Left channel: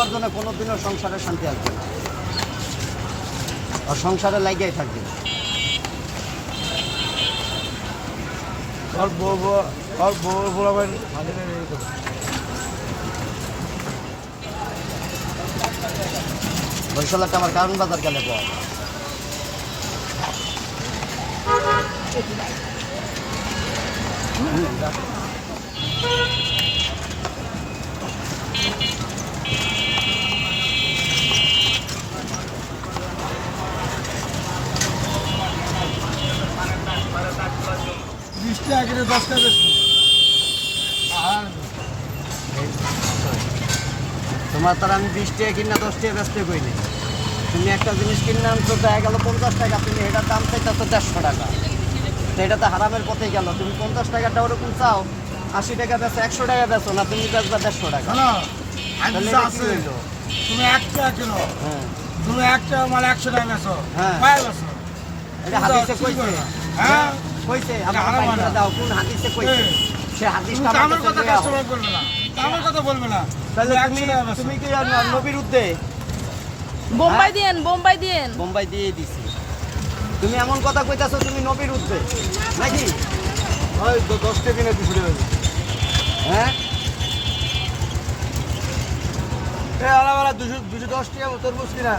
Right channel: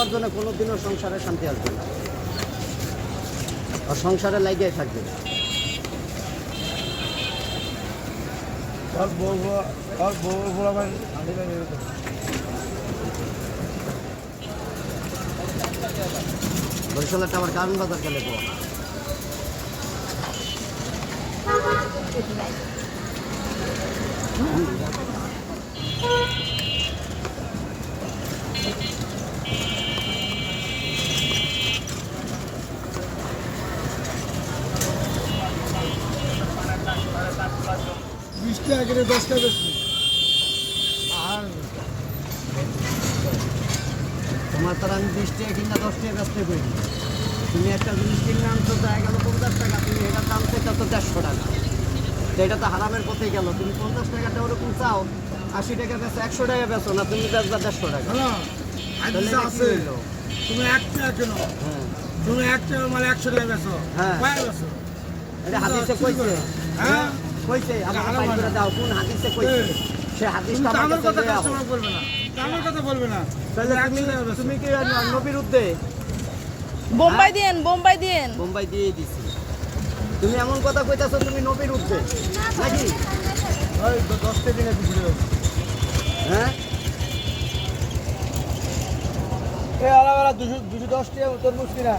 উপার্জনে কোনোদিনও সংসারে শান্তি আসবে না, আর সংসারে লাগিয়ে থাকবে। বরিশালের আবার কারণ বাজার কেন পাওয়া 20 টাকা করে 10 টাকা বেশি। আর তোমার তার আমি 20 টাকা কিনা 10 টাকা ব্যস্ত করিনি। তুমি একটা জিনিস কিনলে আনছো দেখা গেল 50 টাকা, তুমি এটার দাম চাইছো তো 150 টাকা, তো এটা তো হারামের পথেই গেল। তুমি 50 টাকাটা ওরকম চাও, 80 টাকা বেচো, 100 টাকা বেচো না, তুমি বেচবা 150 টাকা। শোনো, আজ তাহলে যা এটা কি আছে, হইলো? তুমি 1 টাকা কিনো, তুমি 1 টাকা মাল 100 টাকা বেচো, হ্যাঁ। পায় বেচো। এটা হাদিসে কইছে, হ্যাঁ, কইছে এটা আমার হারাম বাইরে না। দাও, কোন হাদিসে কইছে? সে তুমি হাদিসটা দামের আমাকে কথা দেওয়া হোক। কাস্টমার বলবে না, দামের কথা বলবে না। তাহলে তুমি 100 টাকা বেচো। তুমি কি নবীর উদ্দে বোম্বাই দিয়েন, বোম্বাই দিয়েন। বোম্বাই দিয়ে দিছি, তুমি এমন কথা কইতাছো তুমি নবীর উদ্দে নাকি? ওই 10 টাকা কিনে দিছি রে। হ্যাঁ, এ আলাদা 210 টাকা তরমুজ কিনা।